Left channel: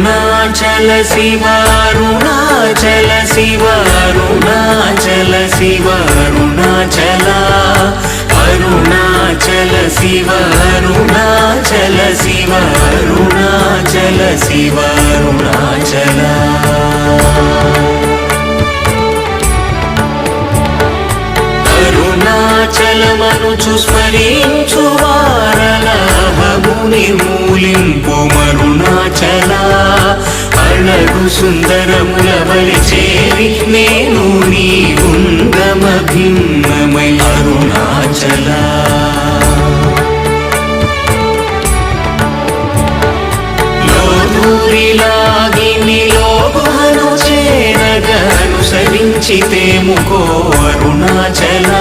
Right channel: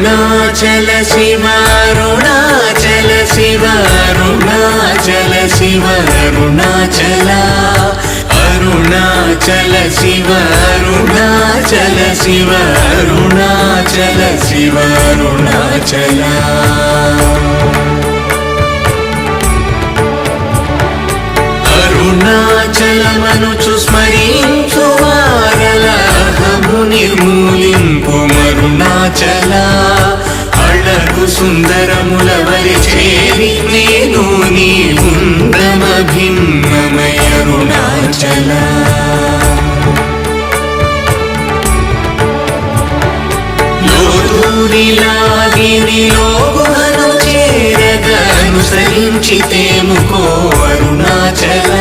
అరుణాచల శివ అరుణాచల శివ అరుణాచల శివ అరుణాచల అరుణాచల శివ అరుణాచల శివ అరుణాచల శివ అరుణాచల అరుణాచలమనుచు స్మరించు వారలహము నిర్మూలింపు మరుణాచల అళగు సుందరముల వలి చేరి నేను నీ గుండమ భిన్నమయ అరుణాచల లోదూరిలాగిని లోగుహను చేరగ అనుసరించితేముకో అరుణాచల